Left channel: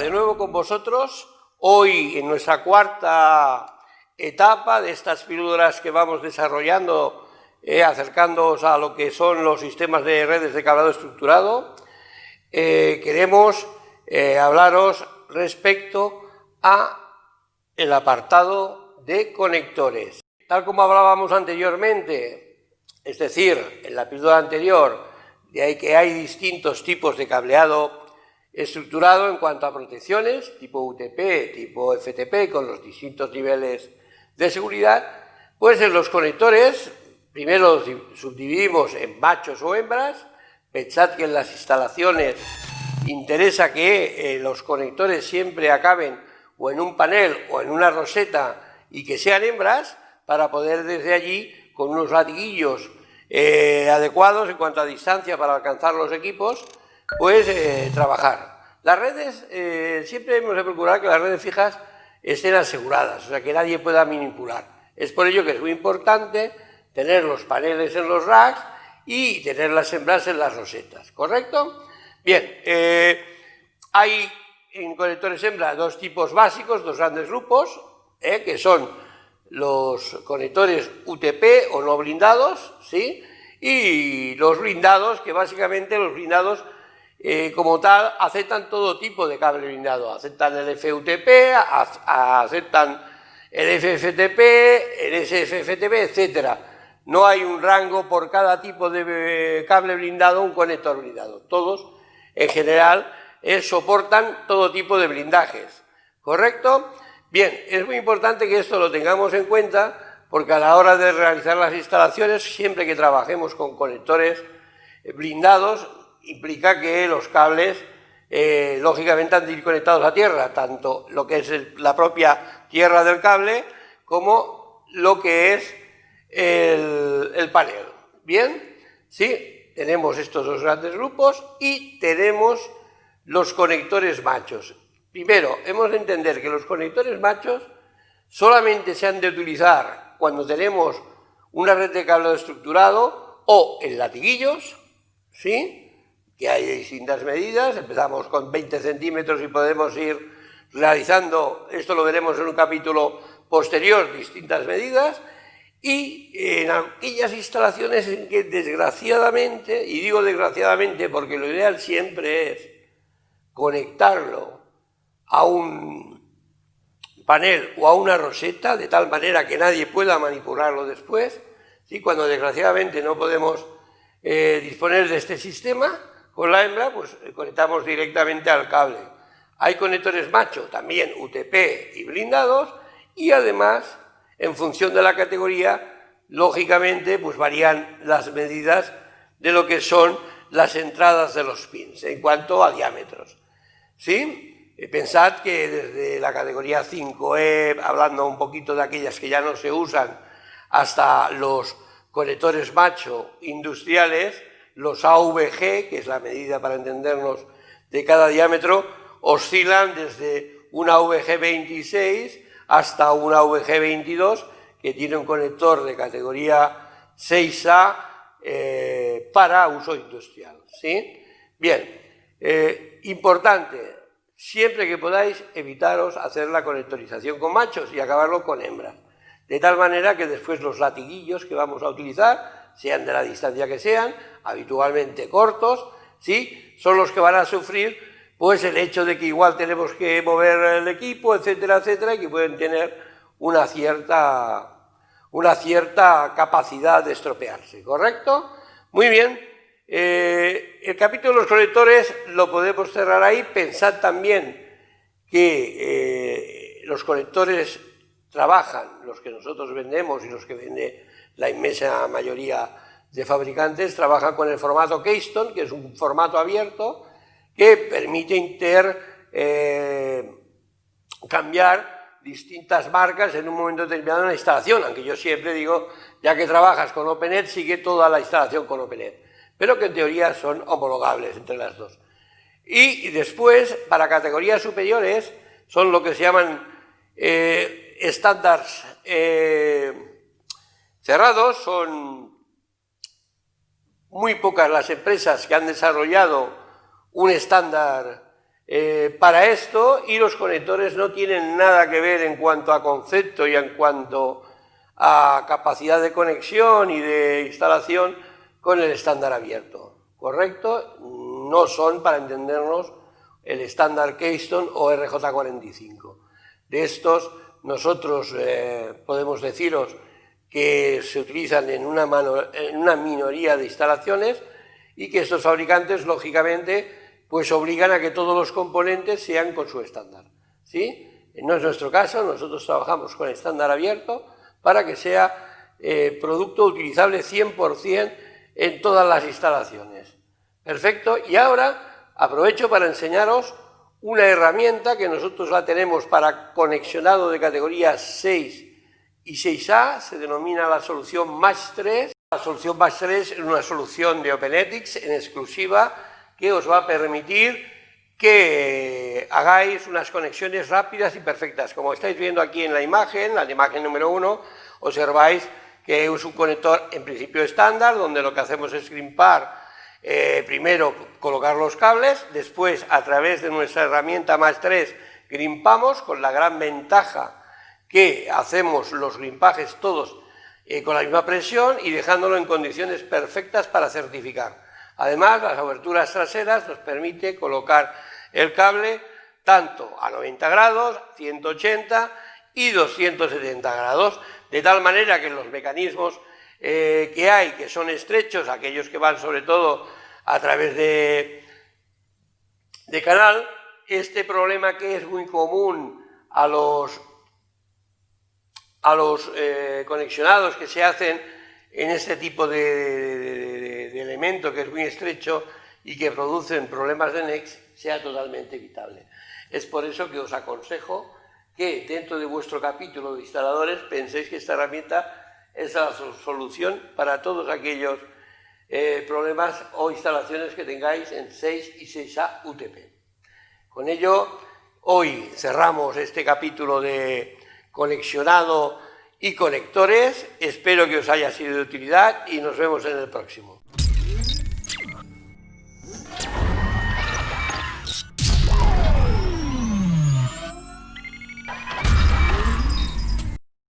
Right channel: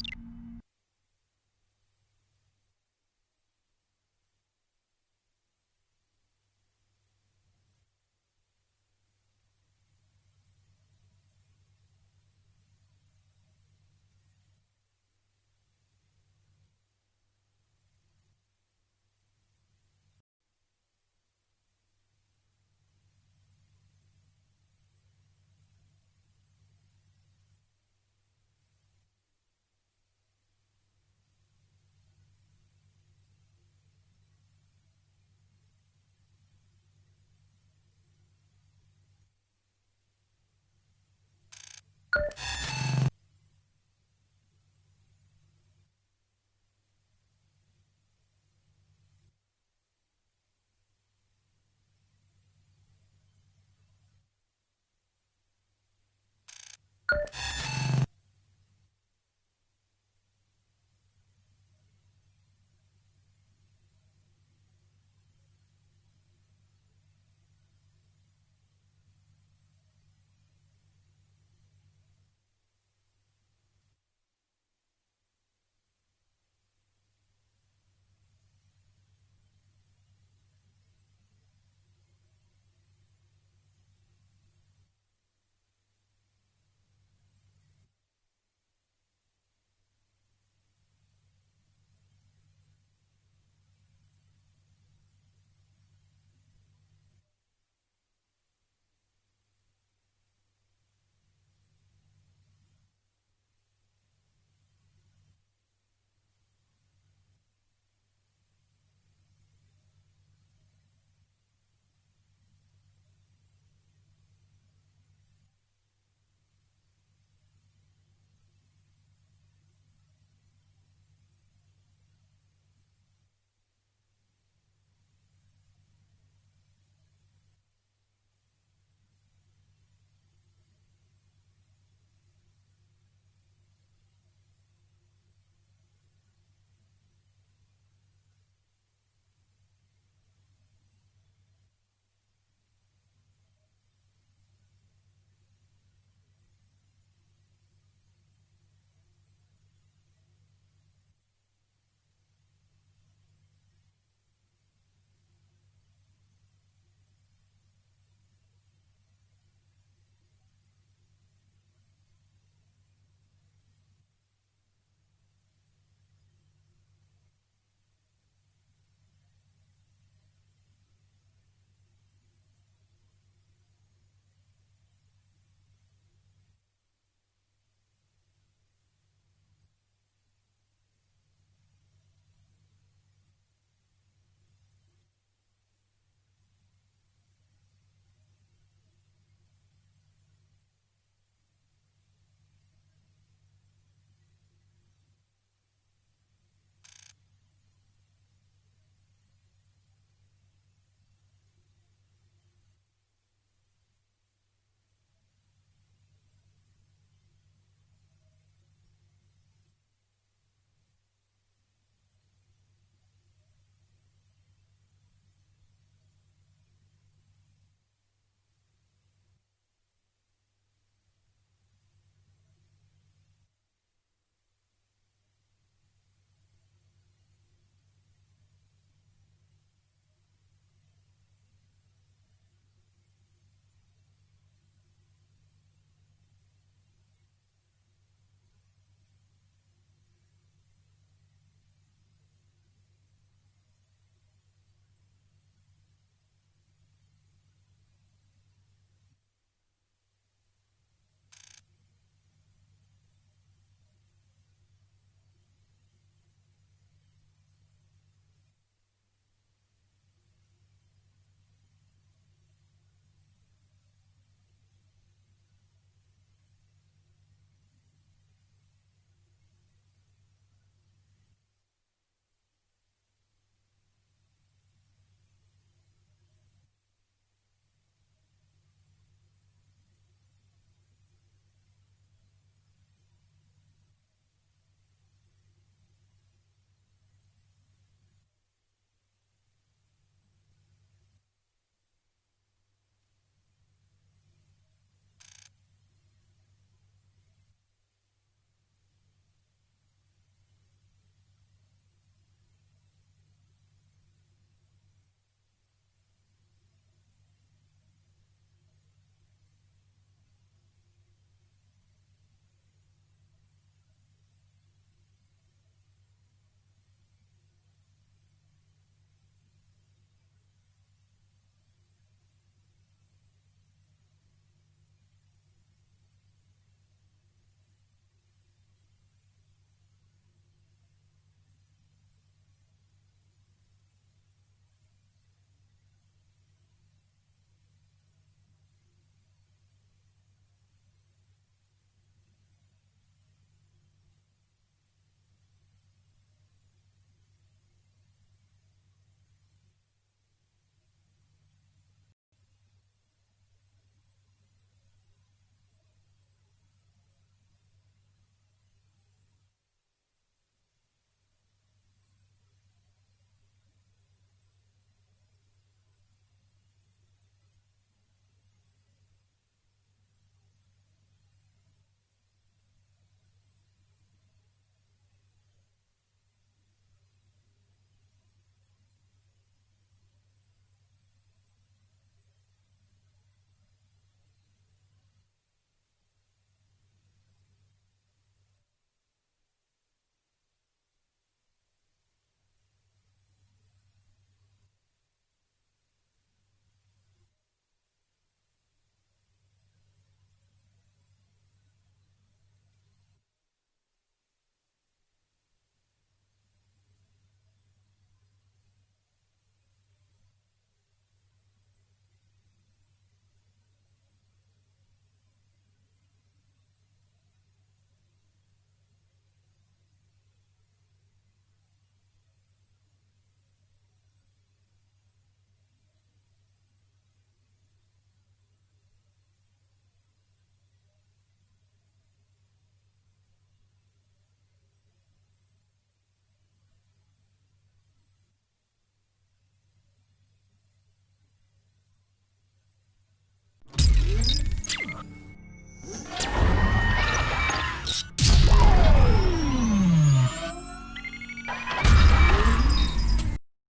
de nuevo con vosotros, hoy en nuestra cuarta etapa de estas píldoras que vamos desarrollando, acercándoos a lo que son los sistemas de redes de cableado estructurado. Queremos hablaros respecto a el apartado de conectores. Tal como hablábamos anteriormente, es decir, en la píldora anterior, de ahí que hay distintos tipos de cableado estructurado en cuanto a protecciones, tipo UTP, tipo FTP, con los distintos niveles de seguridad, pues en los conectores, primero los subdividimos en machos o hembras. Pensad que en las instalaciones interesa que los conectores siempre acaben o en un panel o en una roseta y que sean hembras, para poder desde allí, con unos latiguillos adecuados en cuanto a distancia para alcanzar los equipos, pues trabajar. Las redes, siempre hemos de procurar que las redes fijas estén aseguradas, o sea, que nadie pueda manipular. Es por ello que es muy importante tener los paneles en los racks y tener las hembras en las rosetas, ¿correcto? Bien, hay en conectores hembra dos tipos básicos, dos grandes grupos, que son los conectores UTP o no blindados, ¿sí? Y los blindados, que básicamente los blindados como tal aceptan todo tipo de cable blindado, aceptan el FUTP, aceptan el FFTP, el SFFTP, etc. No hay un rango por cada tipo de cable blindado, un conector blindado. Todos, en general, soportan todo tipo de blindajes, ¿correcto? Bien, es muy importante que esto lo tengamos en cuenta, porque a la hora de realizar las instalaciones, siempre que trabajemos con conectores blindados, implica que los cables, lógicamente, han de ir conectados a tierra, tanto lo que es la propia tierra del cable, como lo que es el panel. ¿Bien? Sí, tenemos estos dos grandes grupos y tenemos los conectores machos. Primero, hemos de entender que los conectores machos solamente se han de utilizar cuando tenemos una red de cableado estructurado o en latiguillos, ¿sí?, que hay distintas medidas. Empezamos con 20 centímetros y podemos ir realizando, esto lo veremos en un capítulo posterior, distintas medidas, y en aquellas instalaciones en que desgraciadamente, y digo desgraciadamente porque lo ideal siempre es conectarlo a un panel o a una roseta de tal manera que nadie pueda manipularlo después, ¿sí? Cuando desgraciadamente no podemos disponer de este sistema, con la hembra pues conectamos directamente al cable. Hay conectores macho, también UTP y blindados, y además, en función de la categoría, lógicamente pues varían las medidas de lo que son las entradas de los pins en cuanto a diámetros, ¿sí? Pensad que desde la categoría 5E, hablando un poquito de aquellas que ya no se usan, hasta los conectores macho industriales, los AVG, que es la medida para entendernos de cada diámetro, oscilan desde una AVG 26 hasta una AVG 22, que tiene un conector de categoría 6A para uso industrial, ¿sí? Bien, importante, siempre que podáis, evitaros hacer la conectorización con machos y acabarlo con hembras, de tal manera que después los latiguillos que vamos a utilizar, sean de la distancia que sean, habitualmente cortos, ¿sí?, son los que van a sufrir pues el hecho de que igual tenemos que mover el equipo, etcétera, etcétera, y que pueden tener una cierta capacidad de estropearse, ¿correcto? Muy bien, el capítulo de los conectores lo podemos cerrar ahí. Pensad también que los conectores trabajan, los que nosotros vendemos y los que vende la inmensa mayoría de fabricantes, trabajan con el formato Keystone, que es un formato abierto que permite cambiar distintas marcas en un momento determinado en la instalación, aunque yo siempre digo, ya que trabajas con OpenET, sigue toda la instalación con OpenET, pero que en teoría son homologables entre las dos. Y después, para categorías superiores, son lo que se llaman estándares cerrados. Son muy pocas las empresas que han desarrollado un estándar para esto, y los conectores no tienen nada que ver en cuanto a concepto y en cuanto a capacidad de conexión y de instalación con el estándar abierto, ¿correcto? No son, para entendernos, el estándar Keystone o RJ45. De estos, nosotros podemos deciros que se utilizan en una minoría de instalaciones y que estos fabricantes, lógicamente, pues obligan a que todos los componentes sean con su estándar, ¿sí? No es nuestro caso, nosotros trabajamos con estándar abierto para que sea producto utilizable 100% en todas las instalaciones. Perfecto, y ahora aprovecho para enseñaros una herramienta que nosotros la tenemos para conexionado de categoría 6 y 6A, se denomina la solución Match 3. La solución Match 3 es una solución de OpenEthics en exclusiva que os va a permitir que hagáis unas conexiones rápidas y perfectas. Como estáis viendo aquí en la imagen número 1, observáis que es un conector en principio estándar, donde lo que hacemos es grimpar, primero colocar los cables, después a través de nuestra herramienta Match 3 grimpamos, con la gran ventaja que hacemos los grimpajes todos con la misma presión y dejándolo en condiciones perfectas para certificar. Además, las aberturas traseras nos permite colocar el cable tanto a 90 grados, 180 y 270 grados, de tal manera que los mecanismos que hay, que son estrechos, aquellos que van sobre todo a través de canal, este problema que es muy común a los conexionados que se hacen en este tipo de elemento que es muy estrecho y que producen problemas de NEX, sea totalmente evitable. Es por eso que os aconsejo que dentro de vuestro capítulo de instaladores penséis que esta herramienta es la solución para todos aquellos problemas o instalaciones que tengáis en 6 y 6A UTP. Con ello, hoy cerramos este capítulo de conexionado y conectores. Espero que os haya sido de utilidad y nos vemos en el próximo.